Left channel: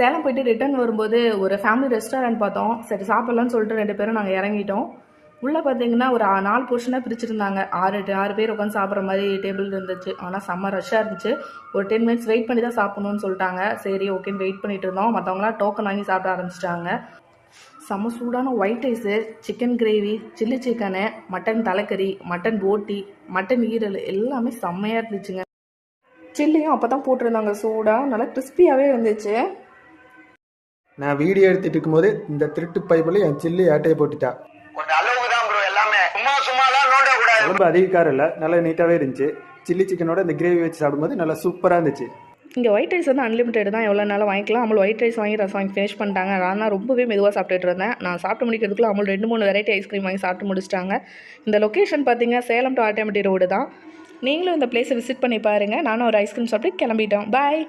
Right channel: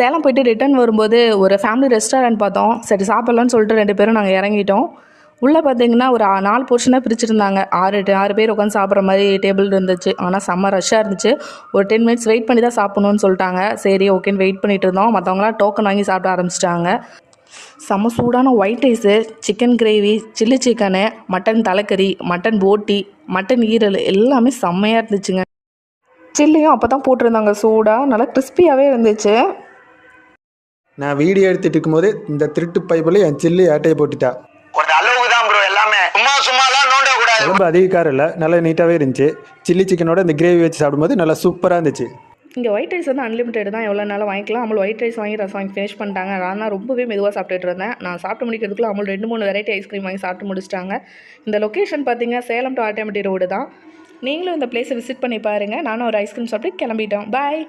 சேலம் போயிட்டு ரிட்டர்ன் வரும்போது ஒரு ஃபேமிலி ரெஸ்டாரண்ட் பார்த்தோம். சரி சாப்பிட்லான்னு சொல்லிட்டு 2 பேரும் நாங்கள் இறங்கிட்டோம். உள்ளே பார்த்தீங்கன்னா ஒரு 4 போர்ஷனாக பிரிச்சுருந்தாங்க. 6 பேர் உட்காந்து சாப்பிட்ற மாதிரி டேபிள் இருந்துச்சு. ஆனால் செம்ம ரஷ்ஷாக இருந்துச்சு. ஒரு 10 மினிட்ஸ் வெயிட் பண்ணி தான் சாப்பிட்ணுன்னு சொல்லிட்டாங்க. சரி ஓகேன்னு வெயிட் பண்ணிட்டு இருந்தோம். மற்றவங்களாம் டோக்கன் வாங்கி சாப்பிட ஆரம்பிச்சிட்டாங்க. செம்ம சூடான white rice, chicken gravy, chilli chicken, mutton தலைக்கறி, மட்டன் போட்டி, மட்டன் ஈரல் எல்லாமே செம்மையாக இருந்துச்சுங்க. சில்லியும் அப்போ தான் போட்டிருந்தாங்க சூடாக, நல்லா கிறிஸ்பியாகவே இருந்துச்சு. நான் வீடியோ எடுத்துட்டு இருக்கும்போது இந்த திருட்டு பைப்பில் என் சில்லி ஆட்டையை போட்டுட்டா. ரொம்ப அதிக காரம் இல்லை, நல்லா நீட்டாகவே இருந்துச்சு. சில்லி சிக்கனோட இந்த கிரேவி வச்சு சாப்பிடும்போது நல்லா சூப்பராக இருந்துச்சு. இங்கே ஒயிட் ரைஸ் வந்து அன்லிமிட்டட் தான், எவ்வளோ நாளும் வாங்கிக்கலாம். அமுல் ஒயிட் ரைஸ் வாங்கி ரசம் வாங்கி ஃபினிஷ் பண்ணிட்டாங்க. நான் தான் ரொம்பவே மெதுவாக சாப்பிட்டுட்டு இருந்தேன். நான் சாப்பிட்டு முடிக்கிறதுக்குள்ள அமுல் 2-3 வெரைட்டி ஐஸ்கிரீம் வாங்கி சாப்பிட்டு முடிச்சிட்டாங்க. இந்த லொக்கேஷன் பார்த்தீங்கன்னா சேலம் டு ஆட்டோமேட்டிக் ரோடு தான். நீங்களும் இந்த பிளேஸை விசிட் பண்ணி பாருங்கள். நானும் ஒரு ஐஸ்கிரீம் சாப்பிட்டு கிளம்பிட்டோம். பாய்.